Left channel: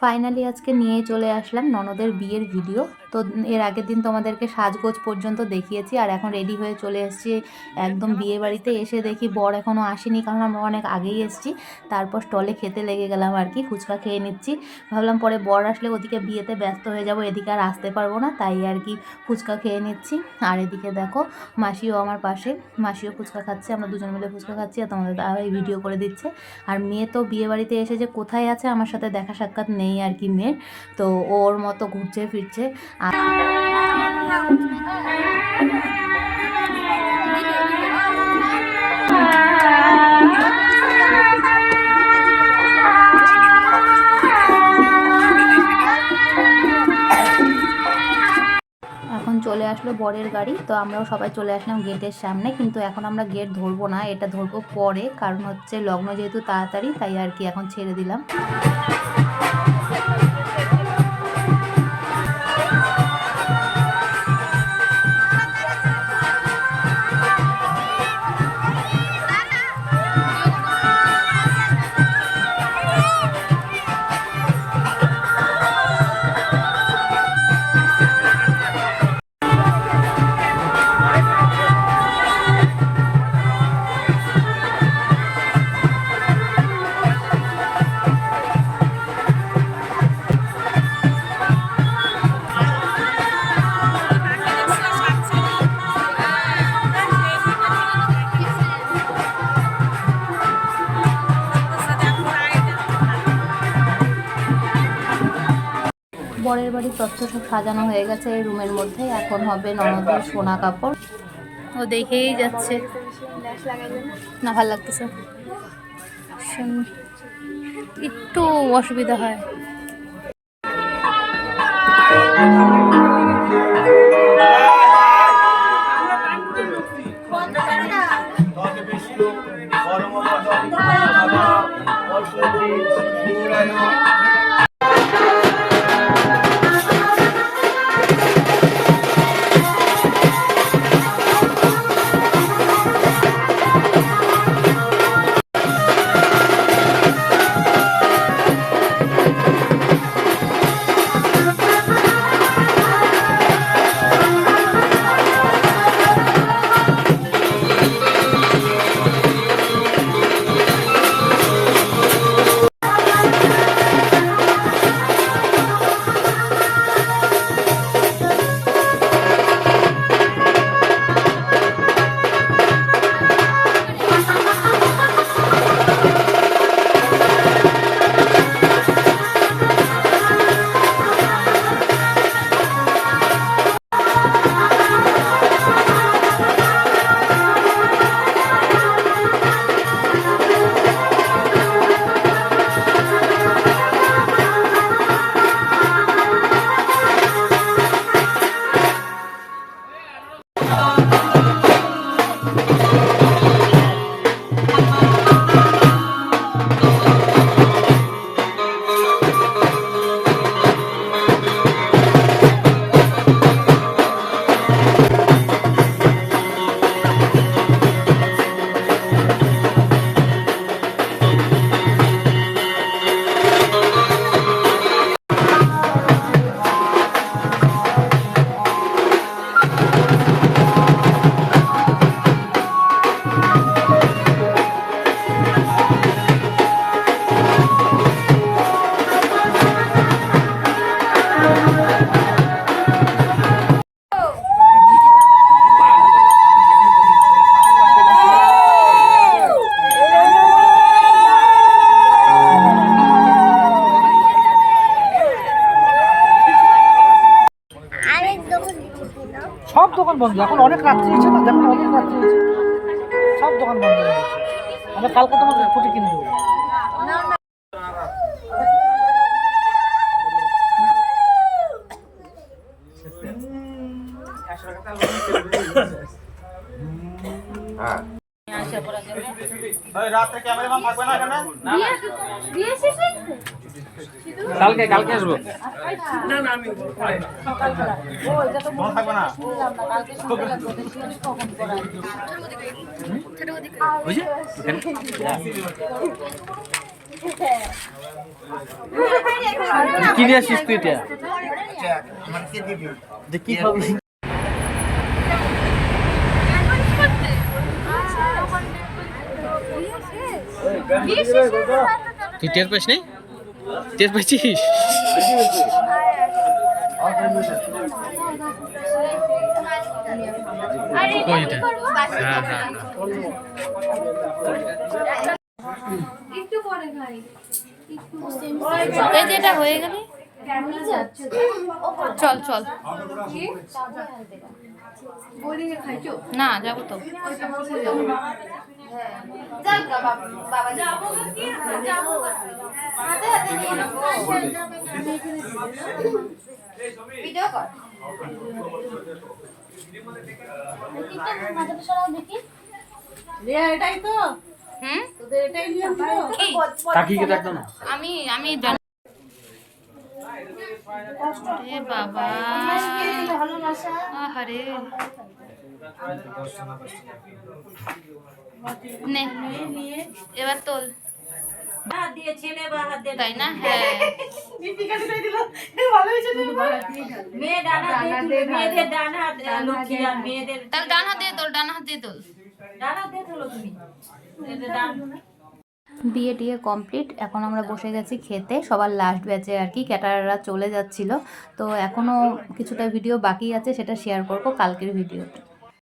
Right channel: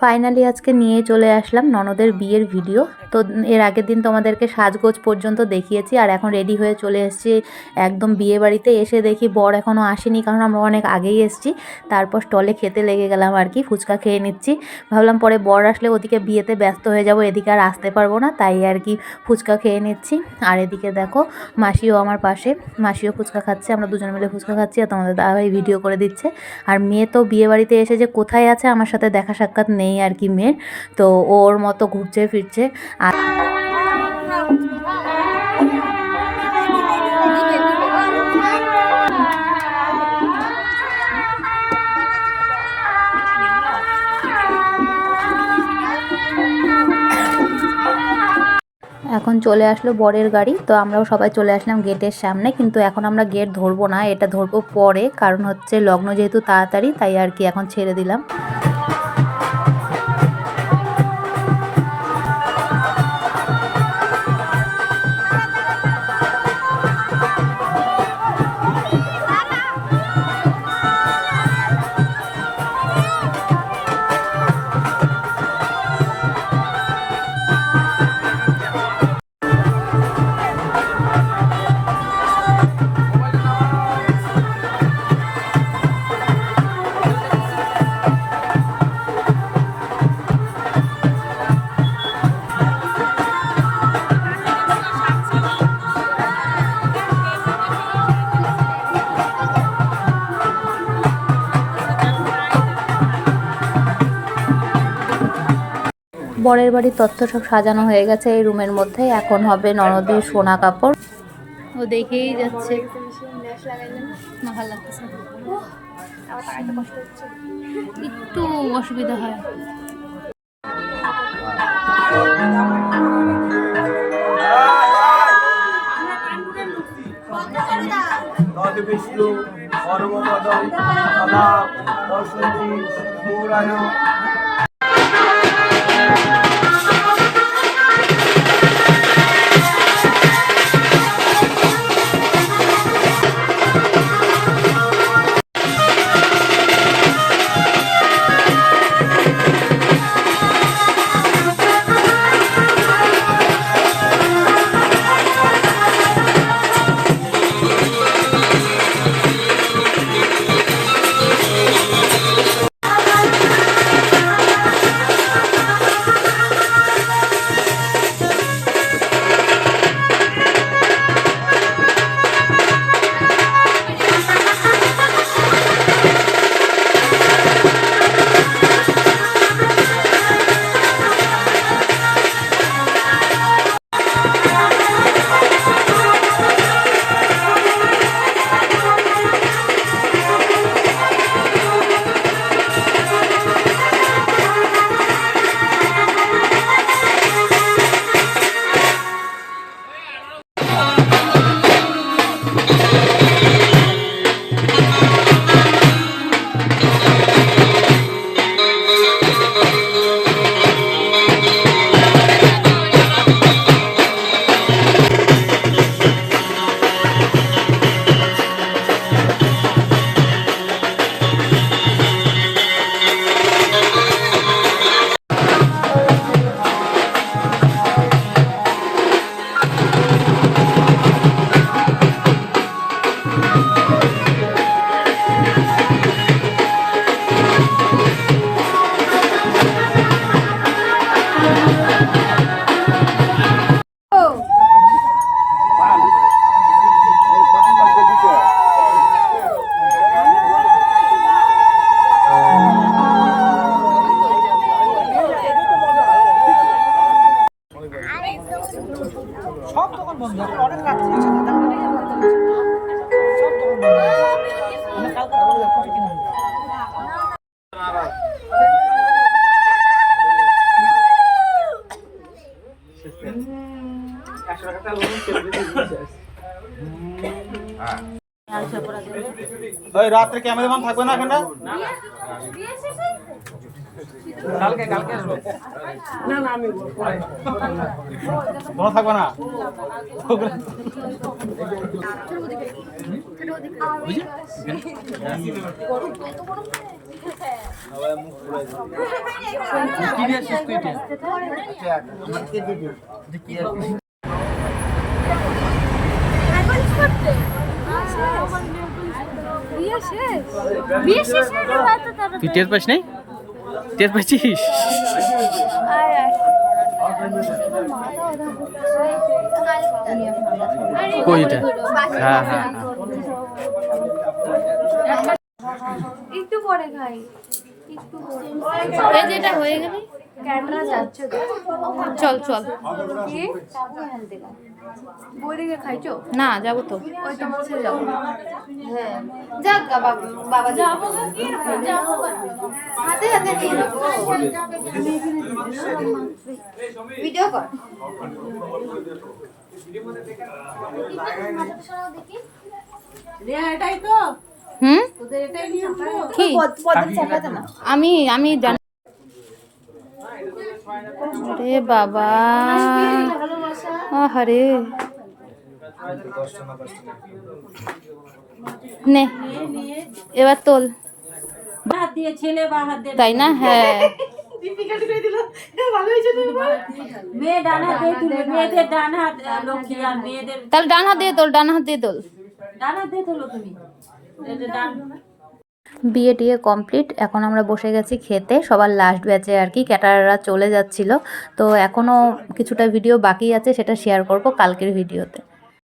Finally আজকে নিয়ে চলে আসলাম ননদের বিয়ের ভিডিও। তো এর আগের দিন তোমাদেরকে সাজগোজ পর্যন্ত দেখিয়েছি, আর এখন রেডি হয়ে চলে এসেছি একদম বিয়ে বাড়িতে এসে দেখি বর এখনও আসেনি, কারণ আমরা অনেক আগেই এসেছি। তারপর স্টলে খেতে লেগে গেলাম আর কি, ফুচকা খেয়ে নিচ্ছি। ভাবলাম পরে বর আসলে ওদিকে বিয়েতে ব্যস্ত হয়ে যাব, এদিকে আর আসতে পারব না, তাই আর কি ফুচকা খেয়ে নিচ্ছি। আর এদিকে দেখো মাসিও আমার পাশে, মাসিও ফুচকা খাচ্ছে, আমরা দুজন মিলে ফুচকা খাচ্ছি, আর তোমাদের দাদাভাই ভিডিও করে দিচ্ছে। আর মেয়ে তো বিয়ে বাড়িতে এসে যে কোথায় আছে, আমার সাথে দেখা সাক্ষাৎ নেই। আর কি মেয়ের। তো ওর মতো ঘুরছে ফিরছে। আর এখন চলে আসলো বরের গাড়ি। তো আমরাও সবাই চলে আসলাম গেটের সামনে। কিন্তু এখন আমরা গেট ধরবো না, এটা ধরবো পরে। কারণ হচ্ছে লগ্ন যেহেতু তাড়াতাড়ি, তাই আর কি এখন ছেড়ে দিলাম। বরের বাড়ির তথ্য সব সাজানো হয়ে গেছে এই রুমের মধ্যে এখন হবে ননদের সোনা কাপড়। ও দেখেই যাচ্ছে। না, ভালো লাগতেছে একটু অসুবিধা হয়। বিষ্ণু দোকান বন্ধ এখন অনেক রাত্রি হয়েছে তো দেখো অনেক রাত্রি হয়েছে সব দোকান বন্ধ আমরা কালকে তোমার কোটি কিনে দেবো। রাত্রে ক্যামেরাম্যান থাকবে না এখানে? কালকে কালকে আসব? না না আমি কোনো থাকবে না? বুঝি কি নিয়ে আসিস তুই এটা? কি তুই টের পাইস নাই? টের পাইছিস? কইটা হ্যাঁ হ্যাঁ এই যেটা হয়ে গেলে? চল চল। খাইছো? না যাব তো। ওই তোমার সাথে যাব। যাক গা বাবা বাবা যাব যাব হাতে হাতে ভিডিও কর। হুম? কি? আমি আমি জানি রে বাবা। আহারে। নে এবার তোল। তাই না? হ্যাঁ। দিয়ে ডান হাত আহ, লক্ষ্মী আর মেয়েদের তাহলে ডান হাত দিয়ে তোল ডান হাত দিয়ে তোল। ডান হাত দিয়ে তোলো তুমি। বিয়ে টিয়ে কমপ্লিট। এখন আমরা বসে গেছি খেতে। সবার লাস্ট ব্যাচে আর কি ক্যাটাররা চলে যাচ্ছিল। তো এখনও কিছুটা ভিডিও বাকি আছে, সেটা শেয়ার করব কালকের ভিডিওতে